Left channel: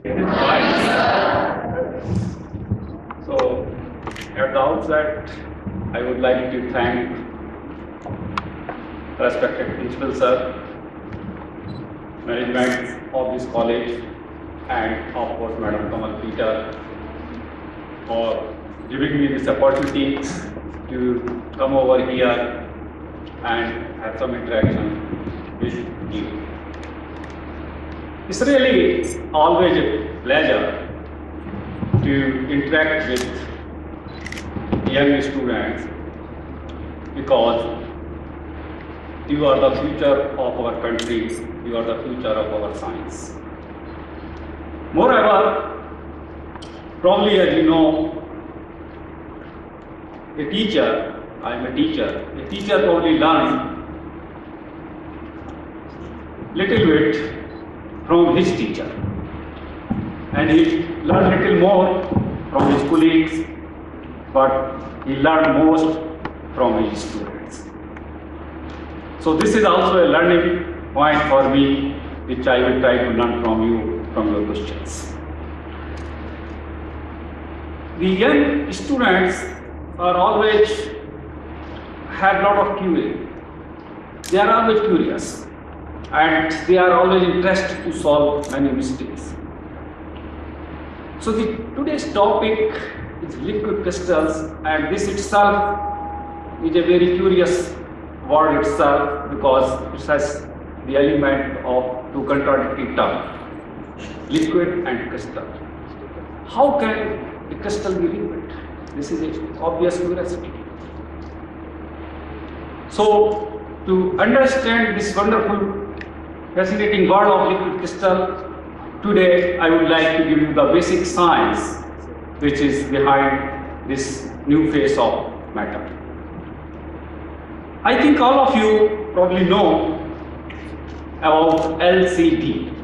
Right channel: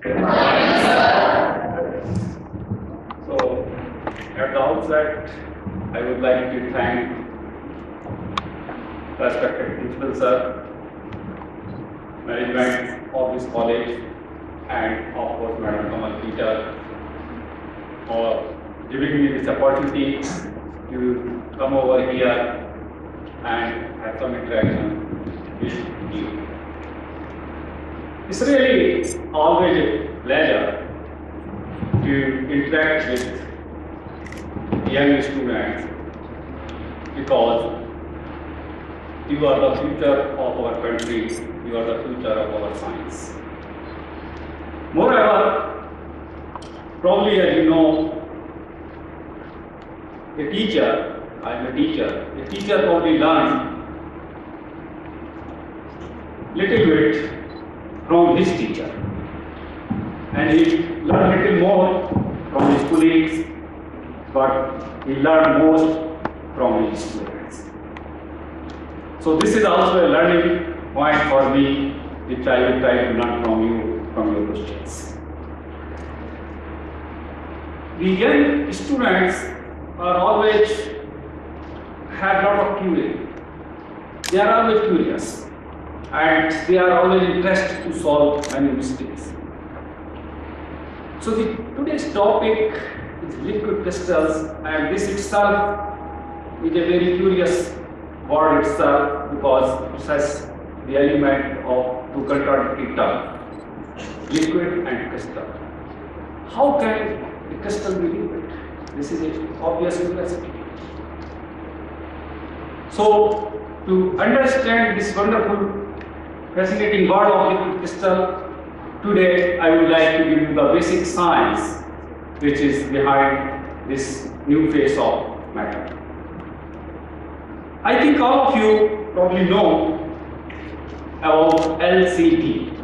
So, at the outset, I would like to thank respected principal sir, management of this college, and of course Madam Kamal Peter for giving me this opportunity to come over here and have some interaction with you. It's really always a pleasure to interact with young students because you are the future of our country, you are the future of our science. Moreover, probably as you know, a teacher probably learns little bit from his teacher, and he learned little more from his colleagues, but he learned most from his students. So this is also a learning point for me, which I will try to learn from you, from your questions. The young students are always have lot of curiosity. They are always curious, and they are always interested to solve many mysteries. So today's topic is liquid crystals, and this itself is a very curious word itself because it has the element of two contradictory terms, liquid and crystal. How can the crystal be liquid? This is an obvious curiosity. So to understand this wonderful, fascinating world of liquid crystal, today I would like to give you the basic science which is behind this new phase of matter. I think all of you probably know about LCD.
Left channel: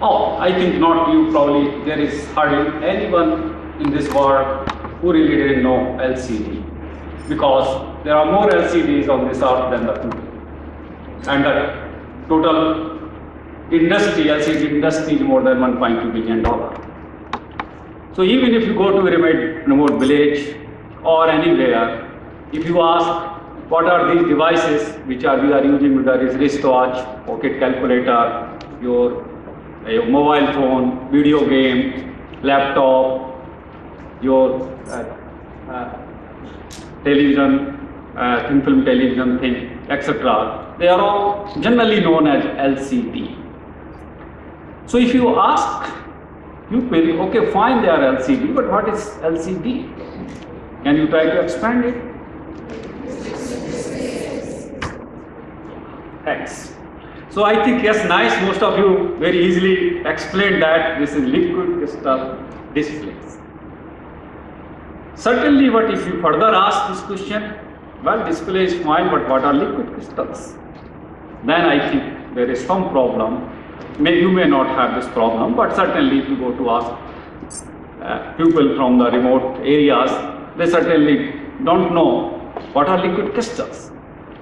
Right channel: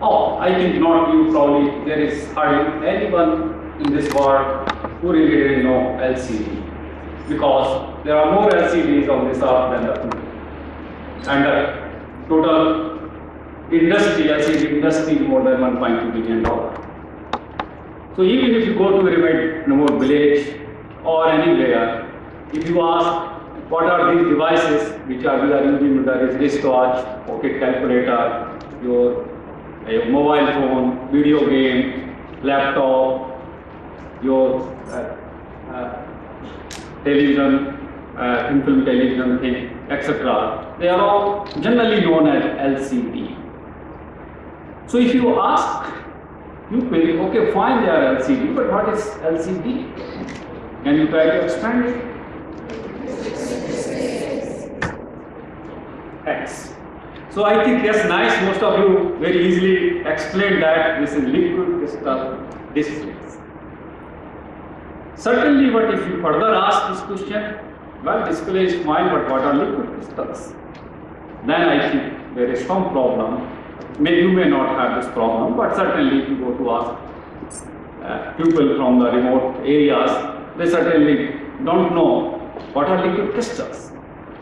Oh, I think not you, probably there is hardly anyone in this world who really didn't know LCD, because there are more LCDs on this earth than the people. And the total industry, LCD industry, is more than $1.2 billion. So even if you go to a remote village or anywhere, if you ask what are these devices which we are using, there is wristwatch, pocket calculator, your mobile phone, video game, laptop, your television, thin film television thing, etc. They are all generally known as LCD. So if you ask people, okay, fine, they are LCD, but what is LCD? Can you try to expand it? Thanks. So I think, yes, nice, most of you very easily explained that this is liquid crystal displays. Certainly, but if you further ask this question, well, display is fine, but what are liquid crystals? Then I think there is some problem. You may not have this problem, but certainly if you go to ask people from the remote areas, they certainly don't know what are liquid crystals.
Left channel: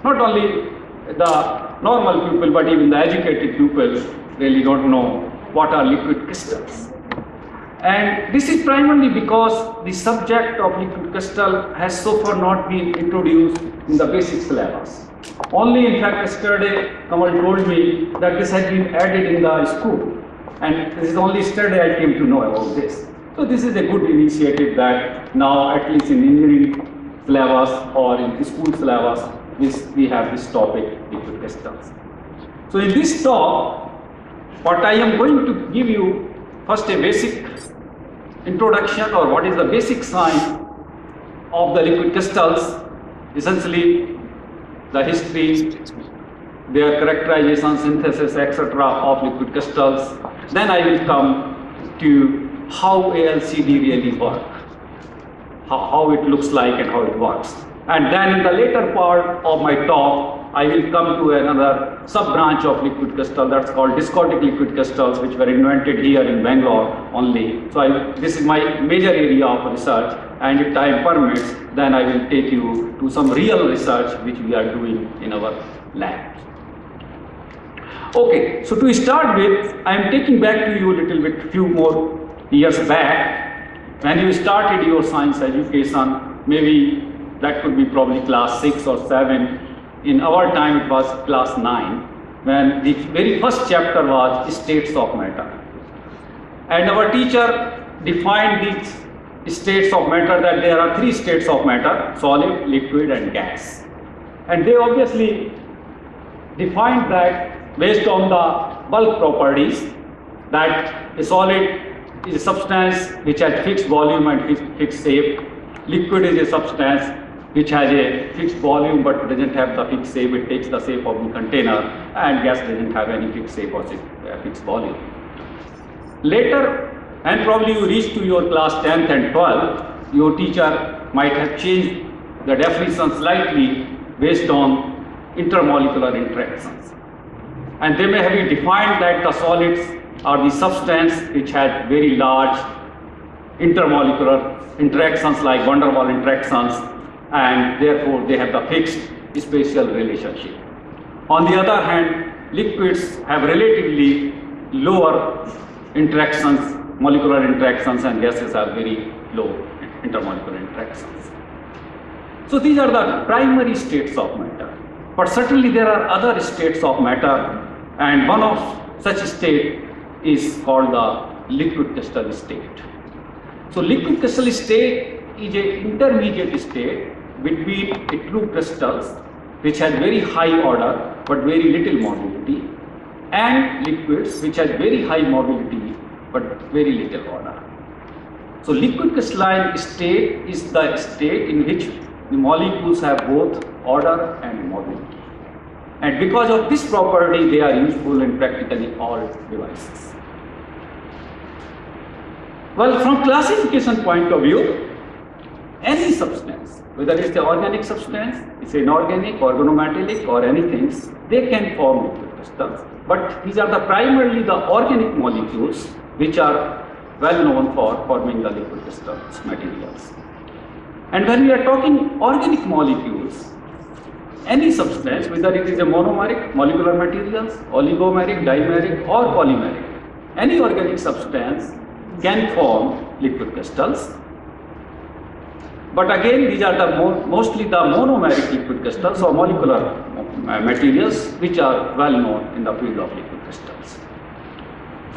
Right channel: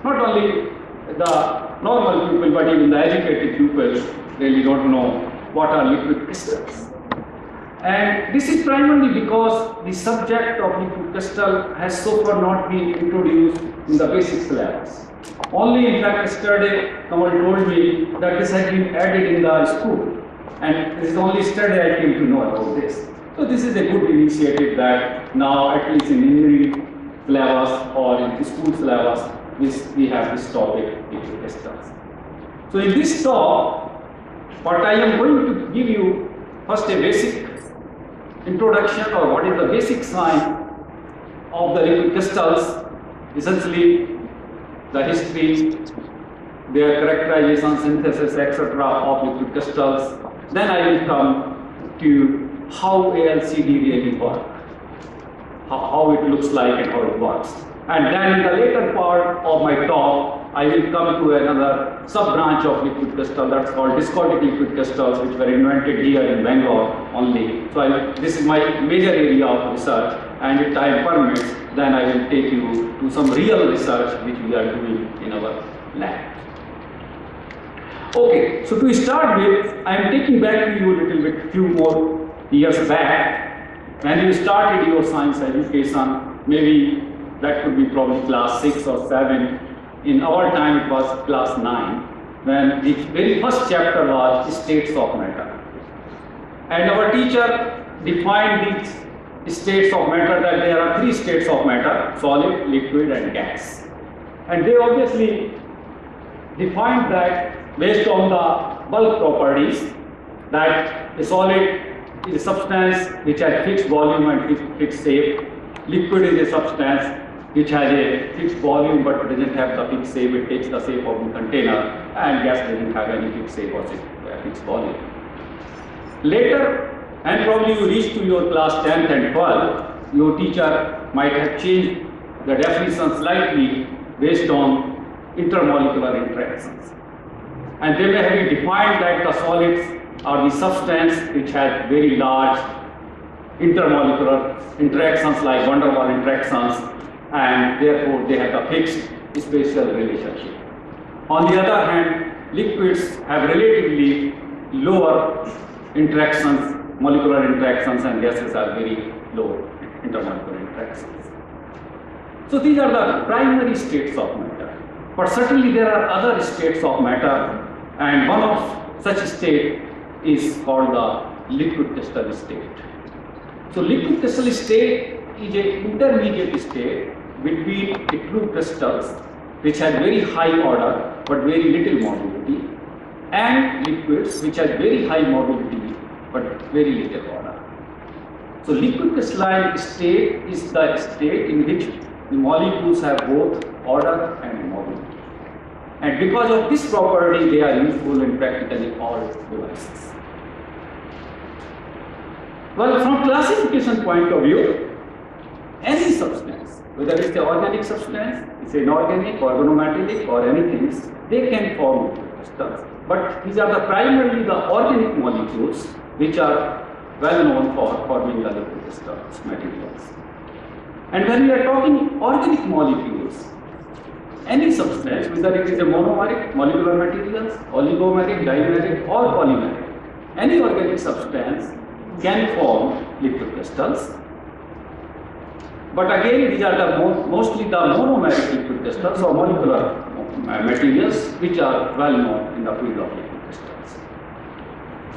Not only the normal people, but even the educated people really don't know what are liquid crystals. And this is primarily because the subject of liquid crystal has so far not been introduced in the basic syllabus. Only, in fact, yesterday Kamal told me that this had been added in the school, and this is only yesterday I came to know about this. So this is a good initiative that now, at least in engineering syllabus or in school syllabus, we have this topic, liquid crystals. So in this talk, what I am going to give you first a basic introduction, or what is the basic science of the liquid crystals, essentially the history, their characterization, synthesis, etc. of liquid crystals. Then I will come to how LCD really works, how it looks like and how it works. And then in the later part of my talk, I will come to another sub-branch of liquid crystal that's called discotic liquid crystals, which were invented here in Bangalore only. So this is my major area of research, and if time permits, then I will take you to some real research which we are doing in our lab. Okay, so to start with, I am taking back to you a little bit, few more years back, when you started your science education, maybe that could be probably class 6 or 7. In our time it was class 9, when the very first chapter was states of matter. And our teacher defined these states of matter, that there are 3 states of matter: solid, liquid and gas. And they obviously defined that based on the bulk properties, that a solid is a substance which has fixed volume and fixed shape. Liquid is a substance which has a fixed volume but doesn't have the fixed shape, it takes the shape of the container, and gas doesn't have any fixed shape or fixed volume. Later, and probably you reach to your class 10th and 12th, your teacher might have changed the definition slightly based on intermolecular interactions. And they may have defined that the solids are the substance which has very large intermolecular interactions like van der Waals interactions, and therefore they have the fixed spatial relationship. On the other hand, liquids have relatively lower interactions, molecular interactions, and gases have very low intermolecular interactions. So these are the primary states of matter. But certainly there are other states of matter, and one of such state is called the liquid crystal state. So liquid crystal state is an intermediate state between the true crystals, which has very high order but very little mobility, and liquids which has very high mobility but very little order. So liquid crystalline state is the state in which the molecules have both order and mobility. And because of this property, they are useful in practically all devices. Well, from classification point of view, any substance, whether it's an organic substance, it's an inorganic, organometallic, or anything, they can form liquid crystals. But these are primarily the organic molecules which are well known for forming the liquid crystals materials. And when we are talking organic molecules, any substance, whether it is a monomeric molecular materials, oligomeric, dimeric or polymeric, any organic substance can form liquid crystals. But again, these are mostly the monomeric liquid crystals or molecular materials which are well known in the field of liquid crystals.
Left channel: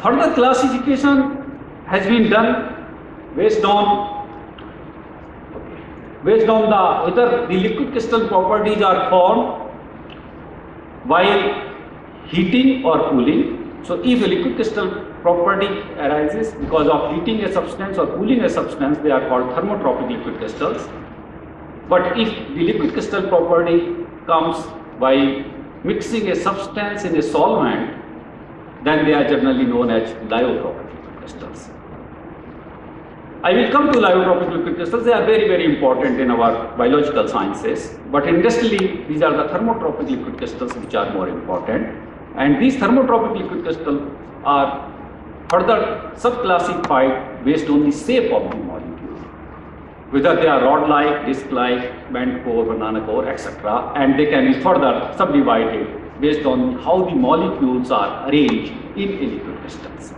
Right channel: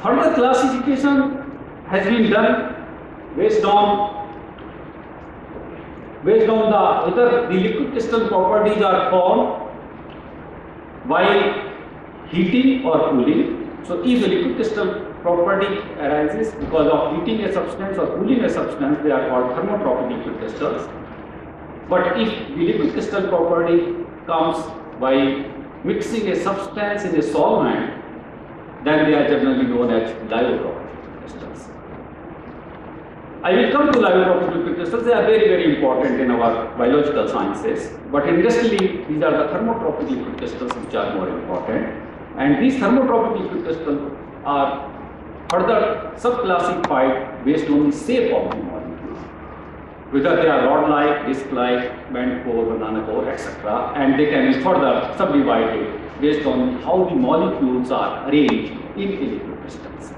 Further classification has been done based on whether the liquid crystal properties are formed while heating or cooling. So if a liquid crystal property arises because of heating a substance or cooling a substance, they are called thermotropic liquid crystals. But if the liquid crystal property comes by mixing a substance in a solvent, then they are generally known as lyotropic liquid crystals. I will come to lyotropic liquid crystals. They are very, very important in our biological sciences. But industrially, these are the thermotropic liquid crystals which are more important. And these thermotropic liquid crystals are further subclassified based on the shape of the molecule, whether they are rod-like, disc-like, bent core, banana core, etc. And they can be further subdivided based on how the molecules are arranged in liquid crystals.